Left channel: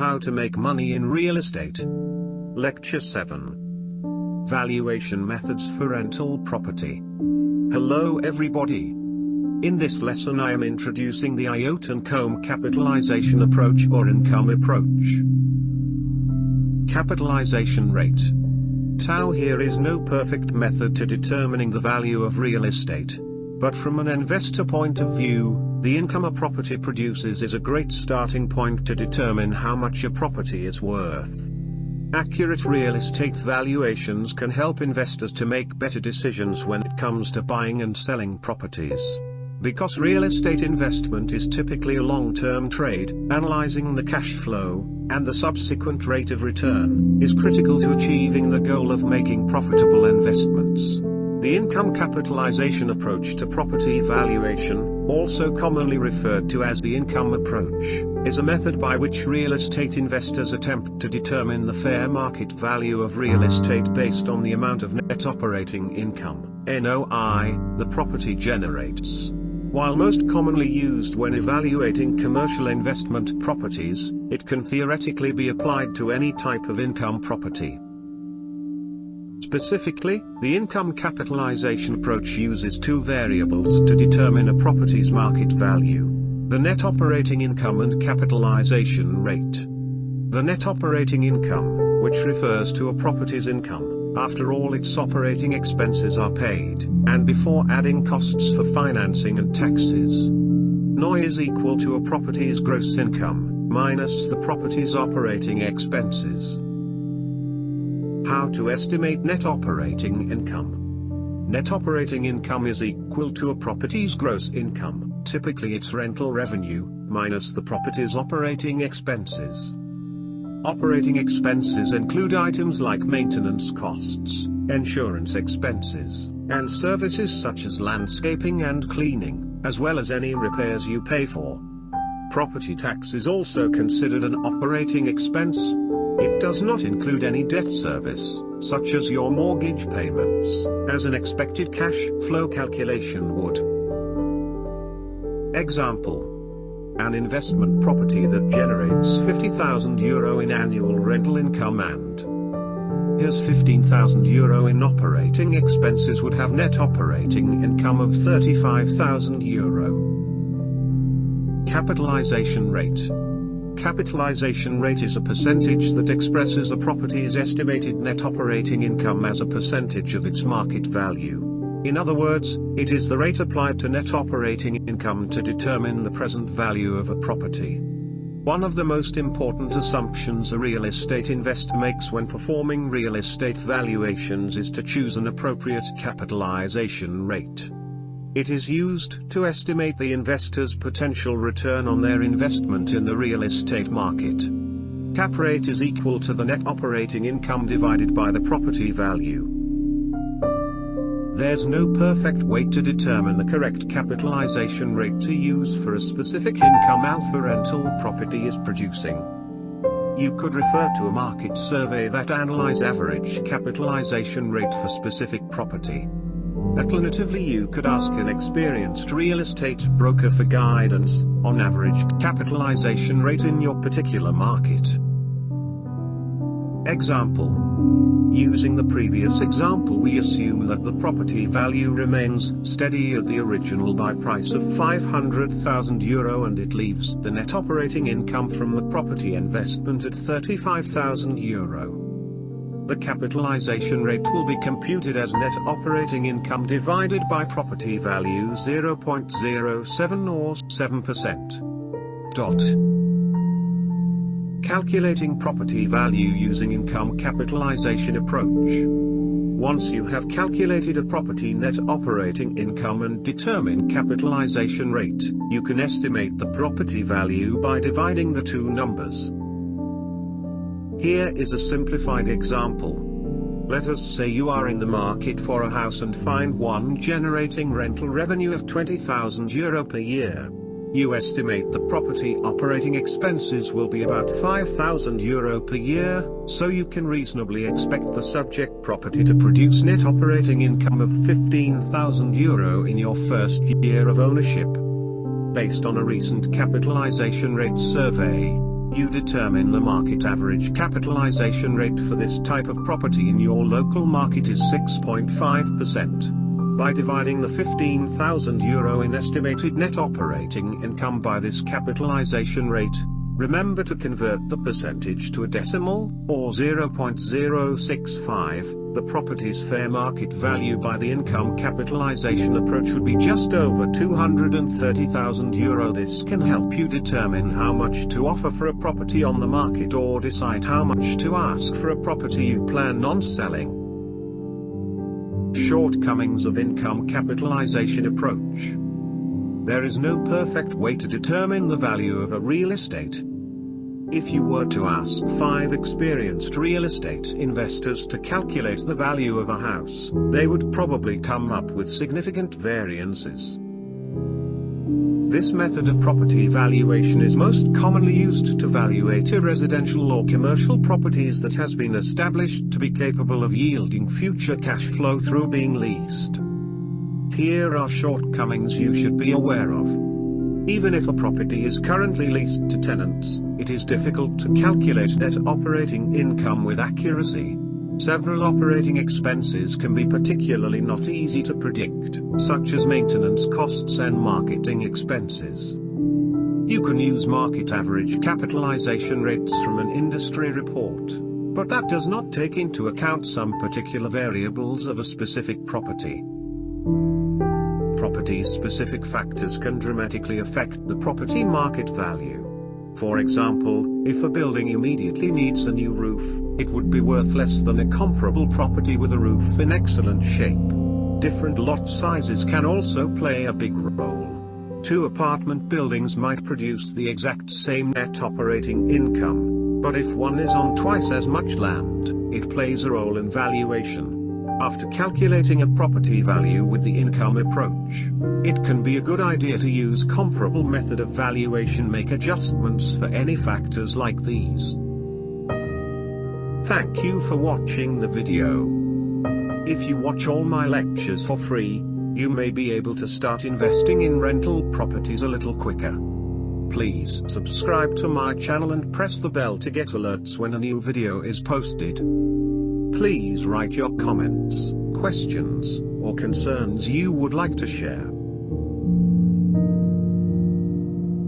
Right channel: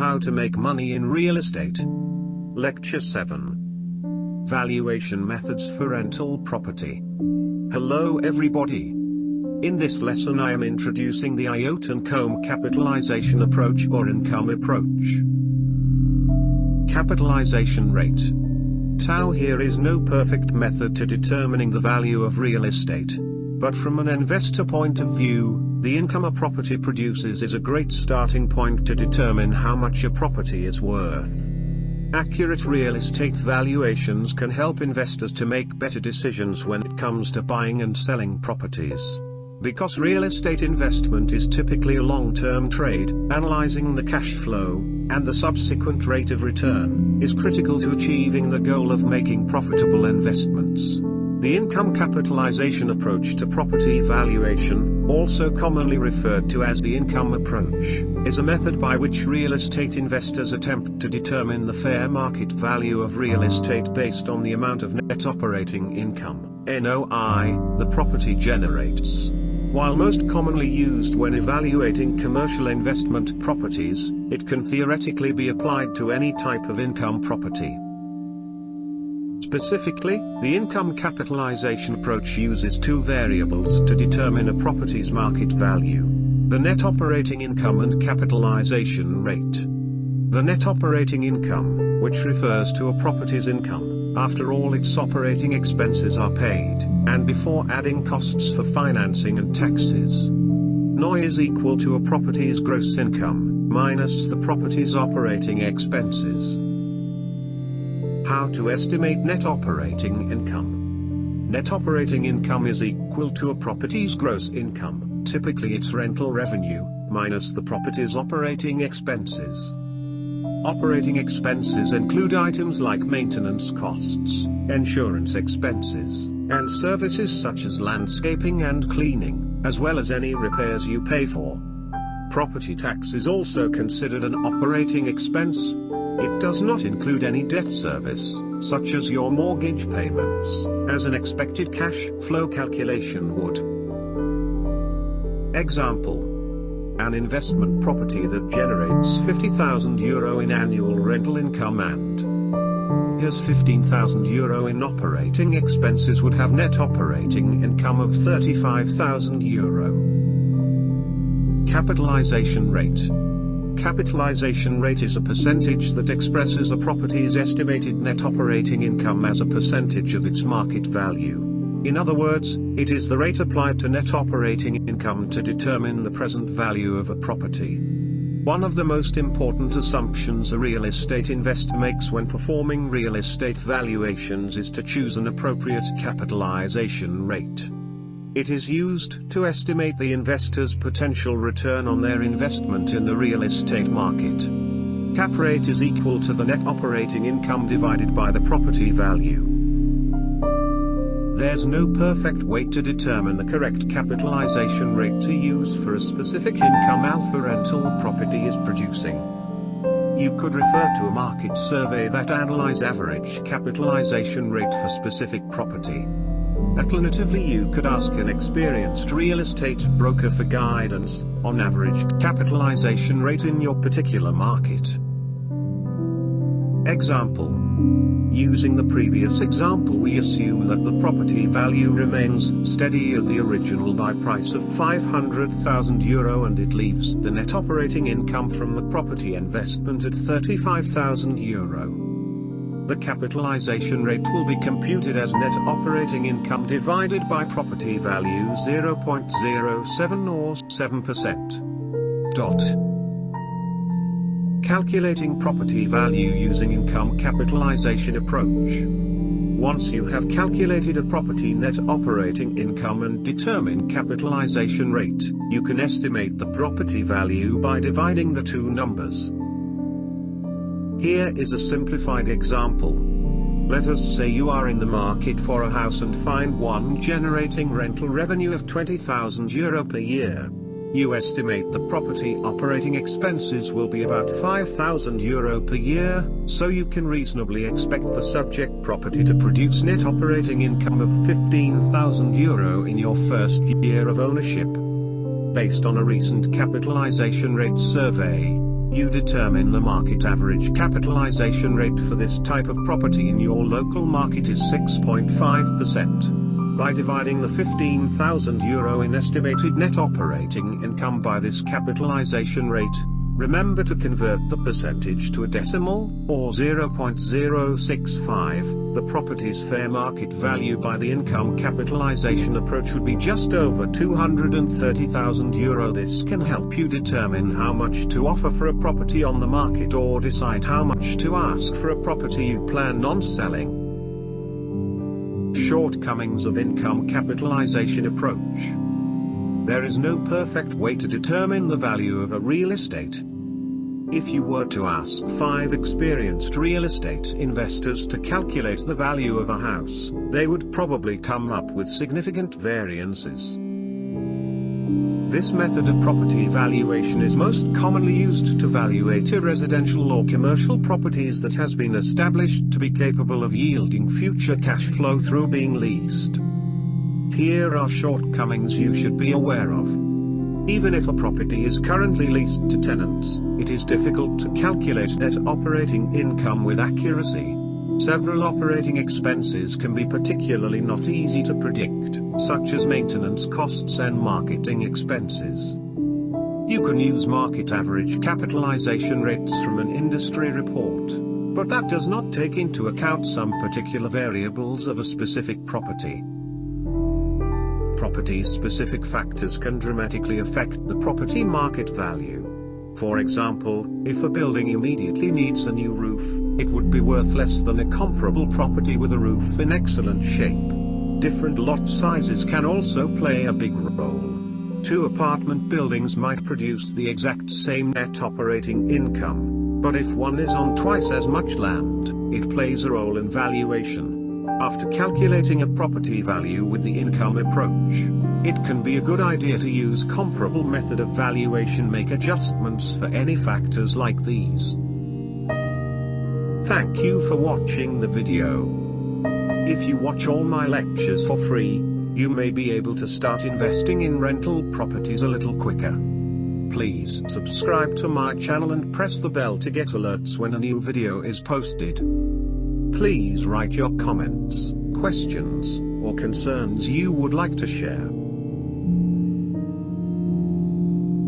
How to Make Money in Real Estate. Lecture 7. Valuation Methods for Rental Property. Hello everybody. In this lesson I am introducing the Income Capitalization Approach or Income Approach. Capitalization rate. Tau here is no perfect method to determining the value of real estate. But from an investor point of view, the income a property produces is a great starting point to determine how much a property is worth. Accurate real estate valuations can help investors to make better decisions when it comes to buying and selling properties. Because real estate investment is typically a long-term trade, analyzing the cash flow, and the subsequent rate of return, is critical to achieving the goal of making profitable investments. The income capitalization approach to property valuation, also commonly referred to as the income approach, is a method by which real estate investors attempt to determine the fair market value of real estate based on the amount of net operating income, NOI, the property generates. While most commonly used when evaluating commercial investment properties, it can theoretically be applied to any type of income property. Specifically, the income capitalization approach uses two variables to determine a property's market value: the net operating income and capitalization rate. The net operating income, which refers to a property's income, after all its operating expenses are paid, and before adding costs for financing and taxes. NOI is equal to a property's gross income, minus the property's operating expenses. How to estimate net operating income. Net operating income is equal to a property's gross income, typically its rental revenue, minus the property's operating expenses. Operating expenses include items like maintenance costs, insurance expenses, and services such as landscaping and cleaning, as well as any repairs you pay for. Property tax is also considered an operating expense. It does not include any debt service, such as your mortgage payments, as an expected cash flow calculation would. Example: an investment property that generates €50,000 in annual rental income and has €15,000 in operating expenses would have net operating income of €35,000. Capitalization rate. Capitalization rate is a percentage that expresses a property's estimated net operating income as a percentage of its market value. In other words, it is the rate applied to net operating income to determine the present value of a property. One of the most important assumptions a real estate investor makes when performing real estate valuations is to choose an appropriate capitalization rate. It is used to estimate the investor's potential return on their investment in the real estate market. Cap rate is equal to the net operating income divided by the property value. There's no perfect way to determine the correct capitalization rate to use for a specific income alpha rental property is producing. You could refer to a market survey that analyzes average capitalization rate for specific property. Alternatively, you could ask an experienced real estate broker for guidance on average capitalization rate in your particular market. Example: using the previous example, we assume that the property value remains steady at the original buy price of €500,000 and it leaves the net operating income from the property investment at €35,000. The capitalization rate will be computed as net operating income divided by property value 0.07 or 7%. Calculating property value using income capitalization approach. Once you have calculated a property net operating income and determine capitalization rate, you can estimate the property value by dividing the two numbers. Here is a simplified example. Let us say you are in the market for a house and find one generating rental revenue of €20,000 per year. You estimate the property operating expenses will be about €5,000 per year, so you can reasonably expect the subject property to produce net operating income of €15,000 in your first year of ownership. Based on a recent capitalization rate survey, You determine the market average capitalization rate for this type of property in your local market is 6.5%. By dividing the €15,000 in estimated net operating income by this capitalization rate, remember to convert the percentage to a decimal, or 0.065, the property's fair market value by the income capitalization approach would be just over €230,000. This can help you determine how much to offer for a property on the market or decide how much to ask for a property you plan on selling. Shortcomings of income capitalization approach. There is no perfect way to determine the value of a real estate. If you were to ask 5 experienced real estate investors to calculate the value of a house, they would probably come up with significant variances. This method of property valuation is most commonly used to valuate a residential or commercial properties that has been established to be capable of yielding future cash flow through being leased. Here are shortcomings you should be aware of. Even if a property is currently leased to tenants, it is difficult to calculate net operating income with accuracy. Several operating expenses can be particularly not easy to predict, such as maintenance costs and marketing expenses. You can use market average capitalization rates from an industry report, but that does not take into account some particular variables of a specific property. Property's specific factors can dramatically affect the property market value. For example, if a building immediately needs a new roof, it would be worth less than a comparable property with a roof in excellent shape. Different lot sizes can also play a big role. 2 apartment buildings might produce the exact same net operating income, but if one is on twice as much land, it plays a role in valuation. After calculating a property value with the income approach, it can be a good idea to use comparable method of valuation, make adjustments for any factors like these. Thank you for watching the video. If you watch all my lectures for free, you may be able to start investing in rental properties a little quicker. Please subscribe to my channel and press the bell to get alerts when a new video is posted. Please write your comments, questions, or concerns you would like to share.